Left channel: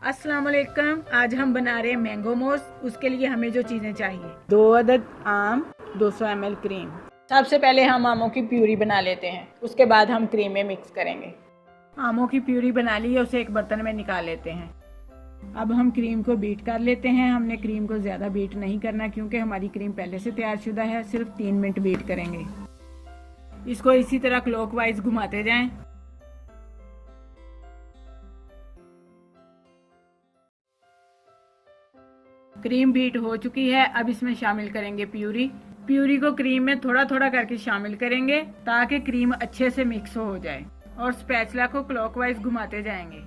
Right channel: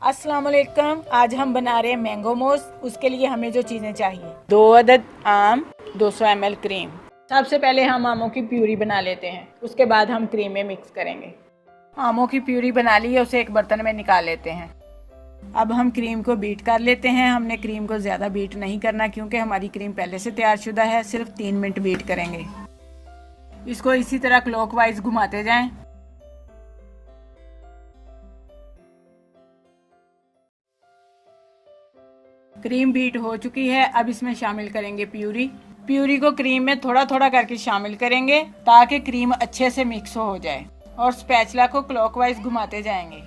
अस्सलाम वालेकुम। आज हम बना रहे हैं मैंगो मोस। उसके लिए हमें जो चीज़ें चाहिए, 2 अदद आम, 200 ml क्रीम। सबसे पहले हम आमों की प्यूरी बना लेते हैं, उसके बाद हम क्रीम में मिक्स करेंगे। आमों की प्यूरी बना ली है, उसे एक बर्तन में निकाल लेते हैं। अब हम क्रीम को बीट कर लेते हैं। हमने क्रीम को ज़्यादा बीट नहीं करना क्योंकि हमारी क्रीम पहले से तैयार शुदा है। सिर्फ 3 मिनट बीट करेंगे। इसको इसी तरह क्लॉकवाइज घुमाते जाएं। क्रीम बीट हो चुकी है। अब इसमें शामिल करेंगे प्यूरी। प्यूरी को क्रीम में थोड़ा थोड़ा करके शामिल करेंगे ताकि क्रीम अच्छे से मिक्स हो जाए, और स्पैचुला को क्लॉकवाइज घुमाते जाएंगे।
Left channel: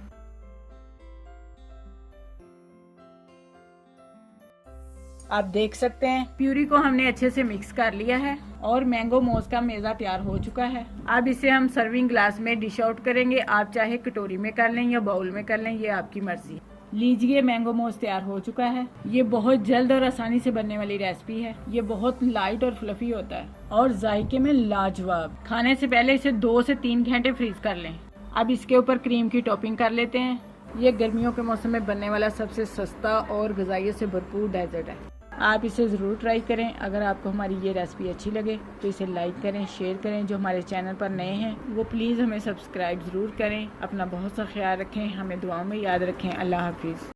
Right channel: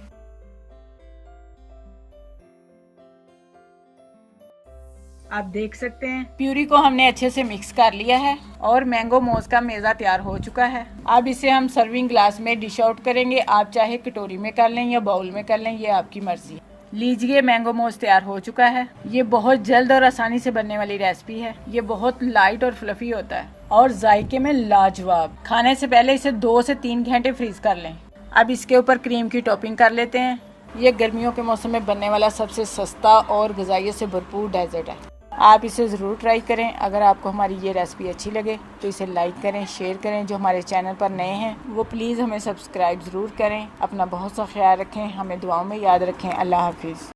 आप देख सकते हैं प्यूरी को हमने अच्छे से मिक्स कर लिया है और मैंगो मोस का मेज़ा तैयार हो चुका है। अब इसे हम सर्विंग ग्लास में डिश आउट करेंगे। आप चाहे कटोरी में कर लें या बाउल में कर लें, ये आपकी मर्जी। लीजिए, मैंगो मोस तैयार हो चुका है। ये बहुत जल्द और आसानी से बनने वाली रेसिपी है। ये बहुत लाइट और फ्लफी होता है और जायके में लाजवाब। खाने से पहले इसे 2 से 3 घंटे फ्रीज कर लें। अब इसके ऊपर क्रीम की टॉपिंग कर लेते हैं। ये गर्मियों के मौसम में बनने वाला सबसे सस्ता और ग़िज़ाइयत से भरपूर डेजर्ट है। आप इसे ज़रूर ट्राई करें। अगर आपको हमारी ये रेसिपी अच्छी लगे तो इसे लाइक करें, शेयर करें। जो हमारे चैनल पर नए हैं वो प्लीज़ हमें सब्सक्राइब ज़रूर करें। अपना बहुत सा ख्याल रखें, हमें दुआओं में याद रखें। अल्लाह हाफिज़।